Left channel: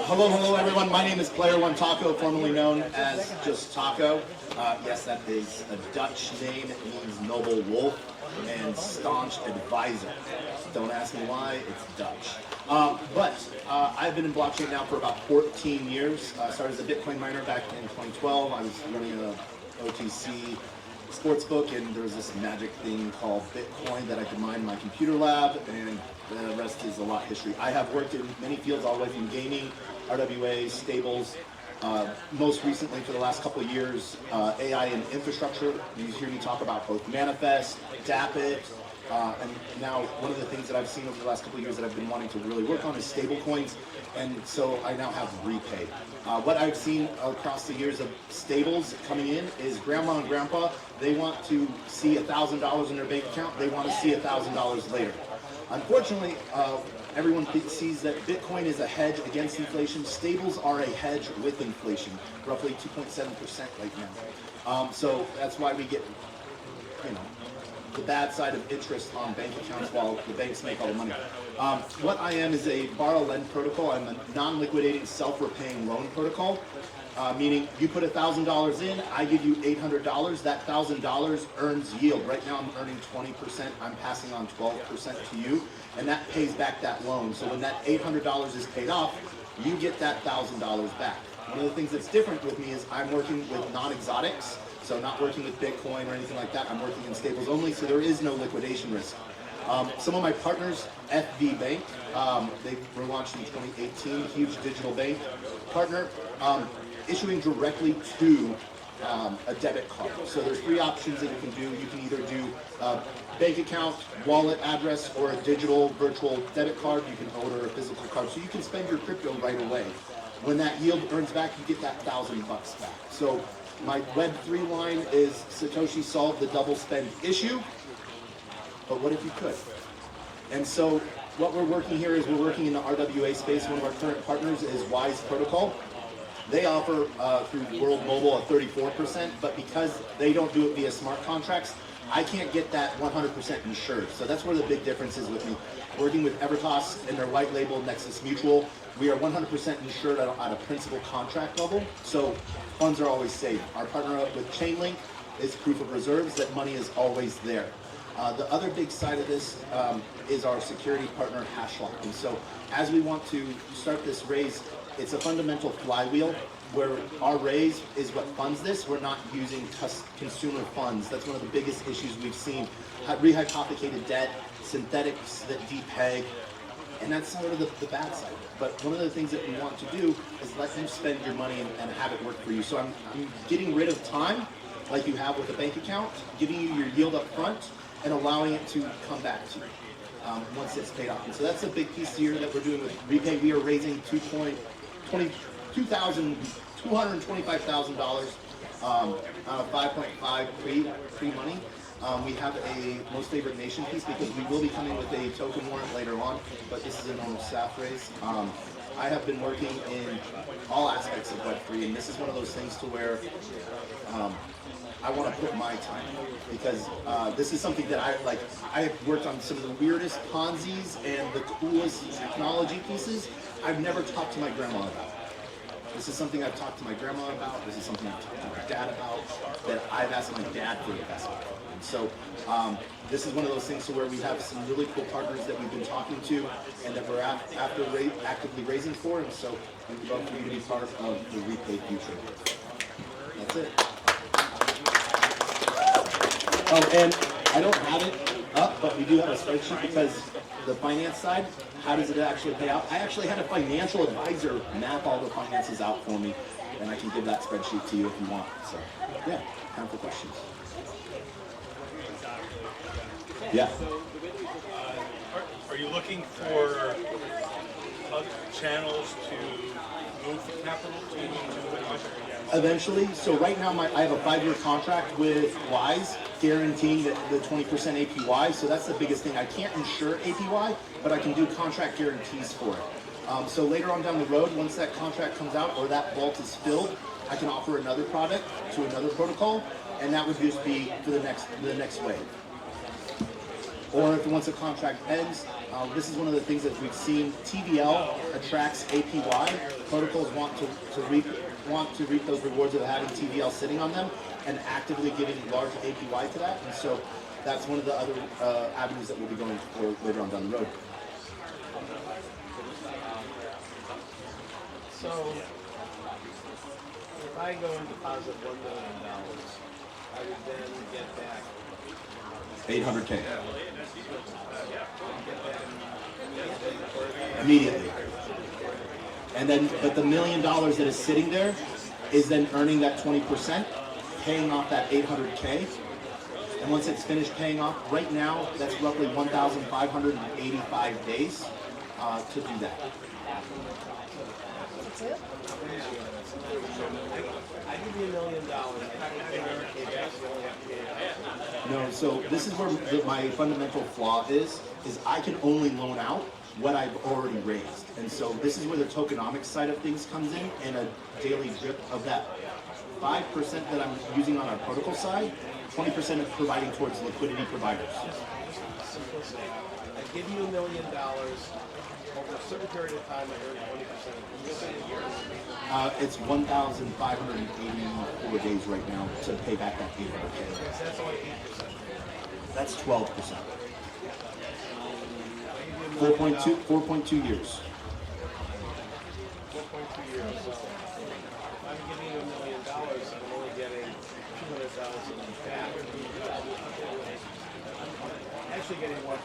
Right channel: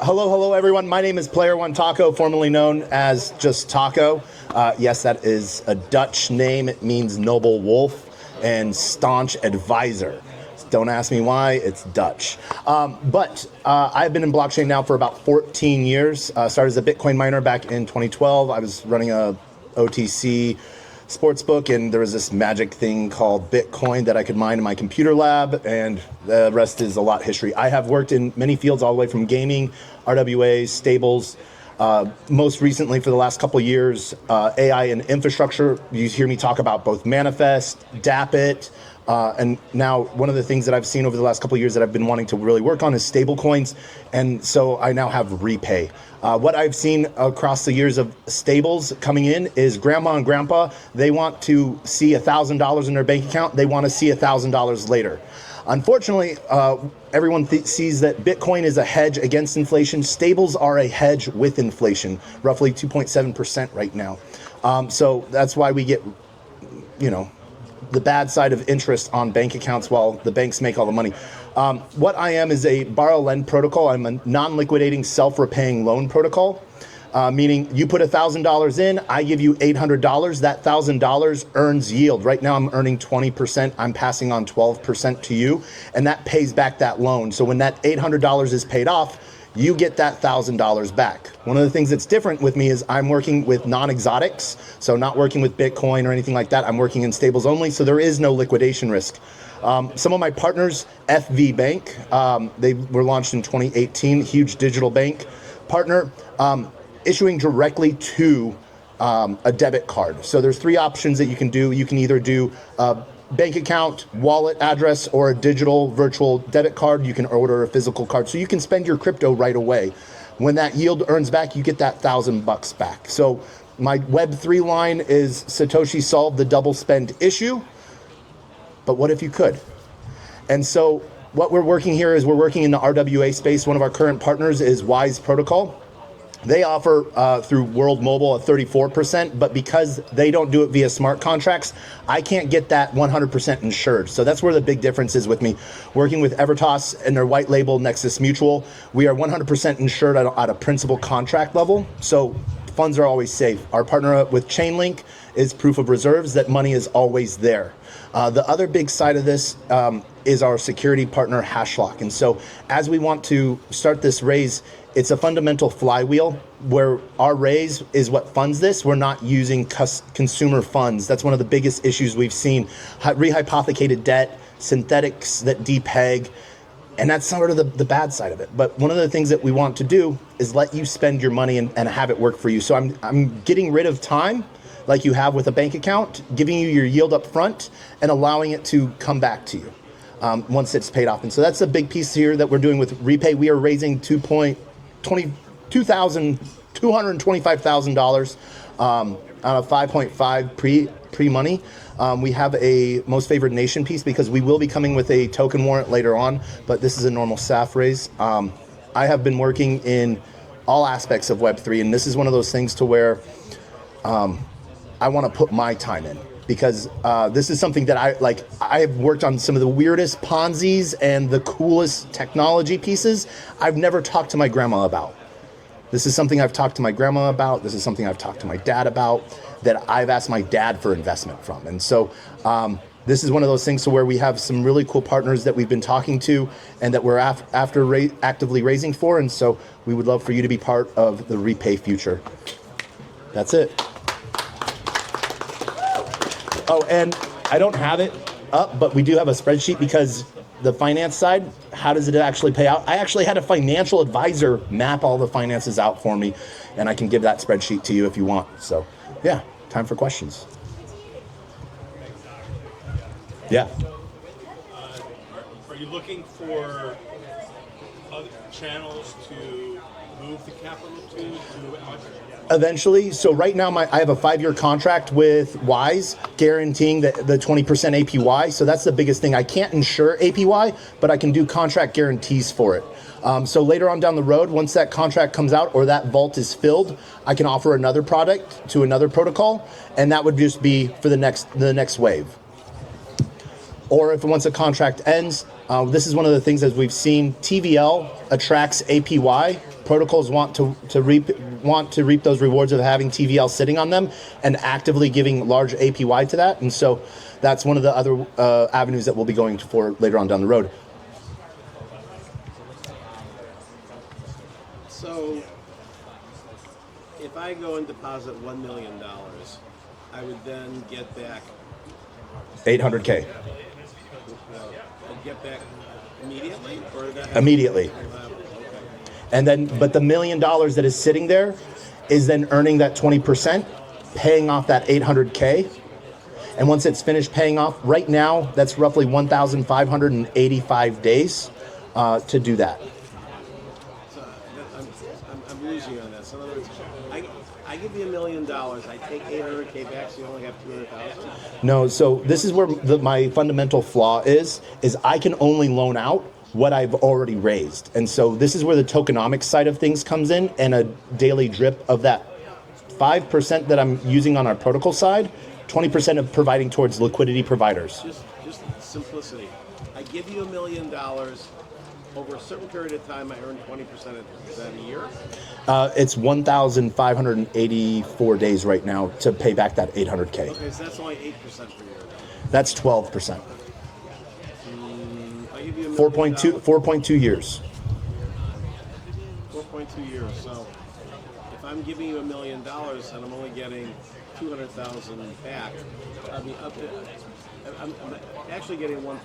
Hello everyone. My name is Player One Taco, formerly known as just Taco. Yes, that is a Dutch name. It means noble wolf and staunch advisor. Don't ask me why, it's Dutch. But I've been in blockchain now for about 14 years. Started as a Bitcoin miner back in 2012. I was running a OTC sportsbook, and there was this magic thing called Bitcoin that I could mine in my computer lab, and the rest is a lot history. I have worked in many fields all the way from gaming, RWA, stables, most recently for the last couple of years, AI and infrastructure. You hear me talk about both Manifest, DAppit, and now one of the things that I've seen over the last couple of years that I've been wanting to really work on is stablecoins, and so I now have RePay. What I've seen across the years of stables coming in is grandma and grandpa, they want to see $1,000 in their bank account, they want to see $1,000 later. Unfortunately, everyone sees that Bitcoin is a hedge against inflation. Stables are a hedge with inflation, roughly 2.7% right now. So that's why we get, the bad side of interest on bank accounts while the banks make all the money. What I am is a borrow-lend protocol. I'm a non-liquidating self-repaying loan protocol, meaning you put $1,000 in, I give you $800. That $1,000 earns yield. Right now I'm earning 20%. I'm passing on 12% to you, and that pays back that loan. So when that $800 is paid off, you get that $1,000 back. One of the things that's different with me is I'm working with non-exotics, so not working with Bitcoin or anything like that. I'm working in stables only, so there is no liquidation risk. Some of my partners, FV Bank, they were launched in 2018, huge digital bank partner, issuing directly to a debit card. So there's three options that you can do. You can either do a bank account, wallet address, or a digital virtual debit card. You can order a physical card. So you can spend your crypto right away. When that yield earns back, you get that $1,000 back. So my Web3 line is Satoshi solved the double spend issue. But what if you could? And so what we're working here is we're working in the RWA space. One of our current partners is Wise Protocol. They offer through World Mobile a 34%, but because they don't do it via smart contracts, I can't get that 100% insured. So that's where the big difference is with me. Working with Evertas and their white label Nexus Mutual, we are 100% insured at a principal contract level. So funds are always safe. Our partner with Chainlink is proof of reserves that money is always there. The other big side of this is our security partner Hashlock. And so as we want to start this raise, it's a fundamental flywheel where our raise is what funds this. We're not using consumer funds. That's one of the biggest issues we've seen. Rehypothecated debt, synthetics that depeg, and that's sort of the bad side of it. But one of the things that we want to do is let you spend your money and have it work for you. So I'm getting rid of time like you have with a bank account, giving you your yield up front and allowing it to come back to you once it's paid off. And so that's a big piece here that we're doing with RePay. We are raising $225,000 on a 5.5 pre-money. We have a most favored nation piece because we will be coming with a token warrant later on, but this is a normal SAF raise. I have been working in all aspects of Web3, and this is one of those things to where I want to put my time in, because this is something that I've worked on some of the weirdest Ponzi's and the coolest technology pieces I've never talked to my grandma about. This is something I've talked to my grandma about. This is something I've talked to my dad about, that I've asked my dad for investment from. And so this is one of those things to where we have some really cool partners that we've been talking to and that we're actively raising for. And so we would love for you to be part of the RePay future. That's it. Oh, and I don't have it up, but we do have a spreadsheet because the finance side, how does it actually pay out? I actually had a financial advisor map all the finances out for me, and I can give that spreadsheet to you if you want. So, yeah, time for questions. Yeah. Are you looking for other channels to move the capital to it? Eventually. So right now I have a 5-year contract with Wise guaranteeing the 20% APY. So that's the biggest thing. I can't insure APY, but I can do contract guarantees for it. So later on down the road, once that contract comes out or that vault is filled, I can offer another product to another protocol, and that would just be for the next wave. Or if once a contract ends, this is one of the things that we've seen. TVL attracts APY. Protocols want to reap those rewards of having TVL sitting on them and actively giving large APY to that. And so that's one of the other avenues that we'll be going for later on down the road. So if I go and deposit $1 million, I would then get back 800K. I'd get that immediately, or that Immediately. And then, but the $1 million that is sitting there is then earning that 20%, paying off that 800K. And once it's finished paying off, right now, that's roughly 1,585 days to do that. So I'm losing on that. So in other words, I give you $1 million, I take 800K back, so you only have 200,000. No, so this is where my fundamental flaw is I can only loan out what I've already raised. And so this is where the tokenomics side of things comes in, and a daily drip of that 5% that I'm using on our protocol side, 20% of providing towards liquidity providers. Just simplicity. I give you $1 million. Over a certain period of time, I earn 20%. Is that a year? It's 1,584 days right now to pay back that 800K. Okay, so that's only 8% per year. That's 12%. I give you $1 million. 4.2 years. 4.2 years. So if I'm giving you $1 million and I'm only getting 200,000 back, I'm actually getting 1.2 million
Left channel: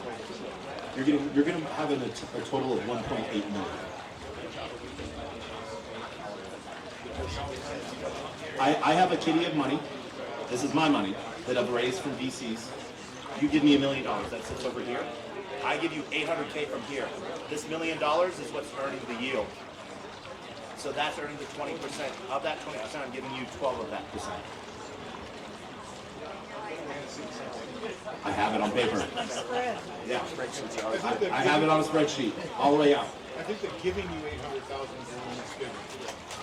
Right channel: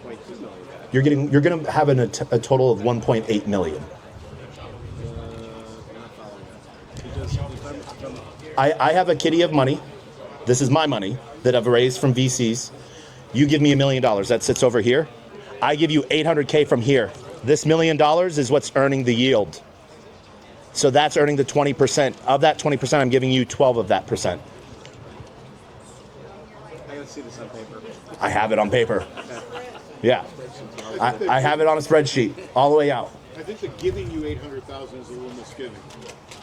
back. You're going to have a total of 1.8 million. Because I have a kitty of money. This is my money that I've raised from VCs. You give me $1 million. That sits over here. I give you 800K from here. This $1 million is what's earning the yield. So that's earning the 20%. Of that 20%, I'm giving you 12 of that percent. I gotta see this on paper. I have it on paper. Yeah. I have it on a spreadsheet all the way out. I think they're giving you 800,000 is the one that's giving.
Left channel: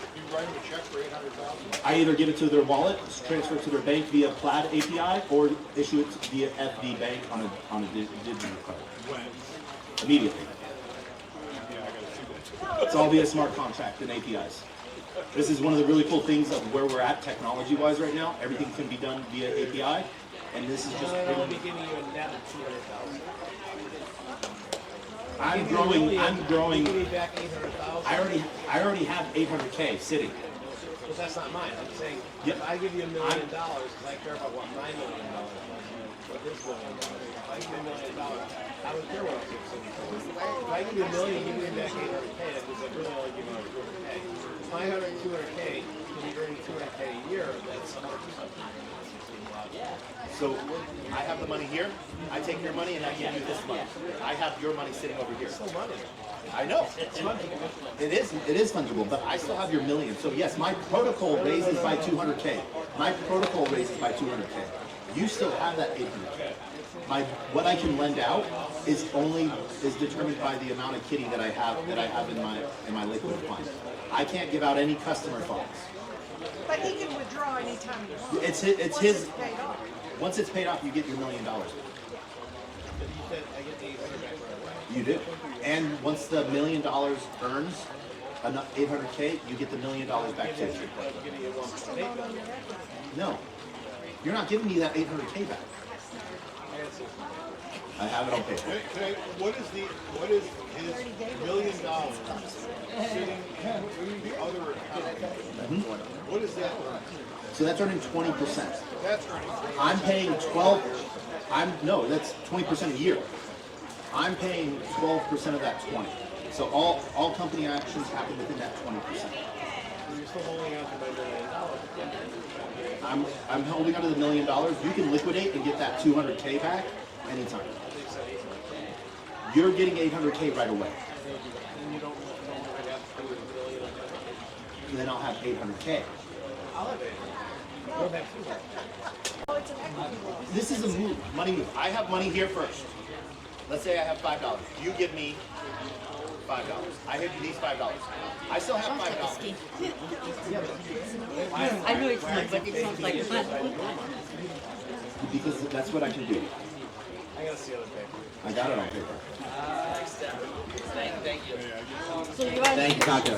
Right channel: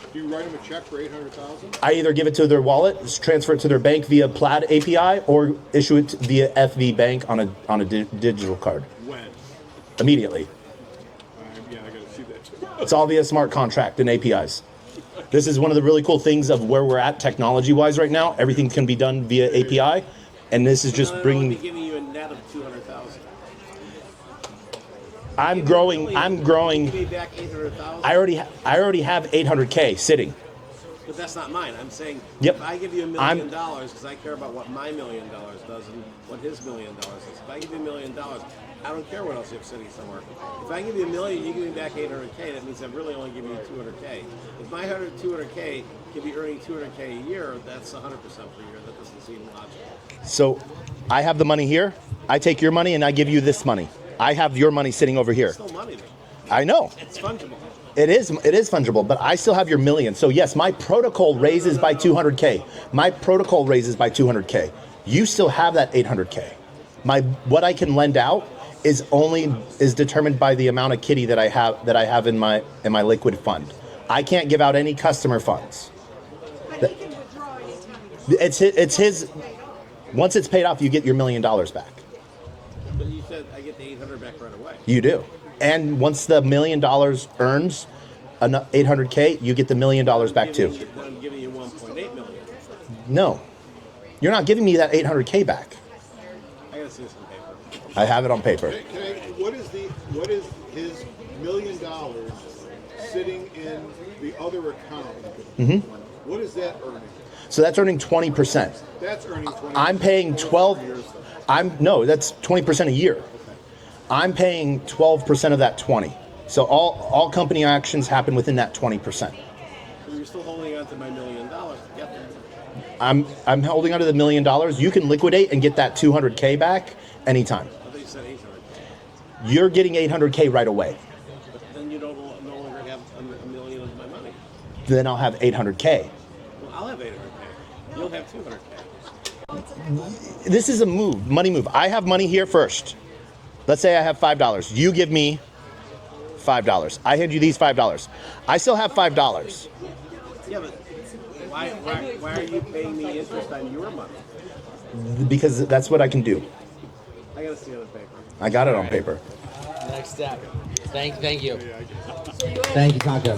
If you write them a check for 800,000, I either give it to their wallet, transfer it to their bank via Plaid API, or issue it via FV Bank on a digital card. when? Immediately. Yeah, I gotta see that too. It's all via smart contract and APIs. This is one of the really cool things of where we're at technology-wise right now. Everything can be done via API, and this is just I'm bringing. only giving you a net of 200,000. I'm growing. Give me back 800,000. I already have 800K sitting. But that's not mine. I'm saying Yep. if I give you $1 million, because I care about what my $1 million does and what his $1 million is. If I give you $1 million, I don't care what else you're sitting somewhere. If I give you $1 million, you give me back 800K. That means I'm really only giving you 200K. If my 200K can be earning 200K a year, that's 100% per year. That doesn't seem logical. So I have the money here. I take your money and I give you this money. I have your money sitting over here. It's still money. I know. It's fungible. It is fungible, but I still have your million. So yes, my protocol raises by 200K. My protocol raises by 200K. You still have that 800K. What I can lend out is determined by the amount of kitty that I have in my liquid fund. I can't give out any customer funds. But he can withdraw anytime he wants. It's his. Once it's paid off, you get your $1 million back. But you said I get the 800 back right away. You do. And once the $1 million earns 800K, you get the $1 million back too. I'm giving you 1.8 million. No, you're not giving me that 800K back. I gotta see this on paper. I have it on paper. What is his $1 million sitting in the other account? Mm-hmm. What is that? So that's earning 20%. That's earning 20. I'm paying 12. That's 20% a year. I'm paying 12% of that 20. So all company actions happen within that 20%. So you're still holding on to my $1 million. Yep. I'm holding onto the $1 million. You can liquidate and get that 200K back anytime. I think you said 800K. You're getting 800K right away. Then you don't no longer have $1 million of my money. Then I'll have 800K. I'll have 800K. You'll have 200K. This is a money move. I have money here first. Let's say I have $5. You give me $5. I hand you these $5. I still have $5. Yeah, but why are you paying me interest on your money? Because that's what I can do. I gotta see it on paper. I got it on paper. Next step. Thank you. Thank you, Taco.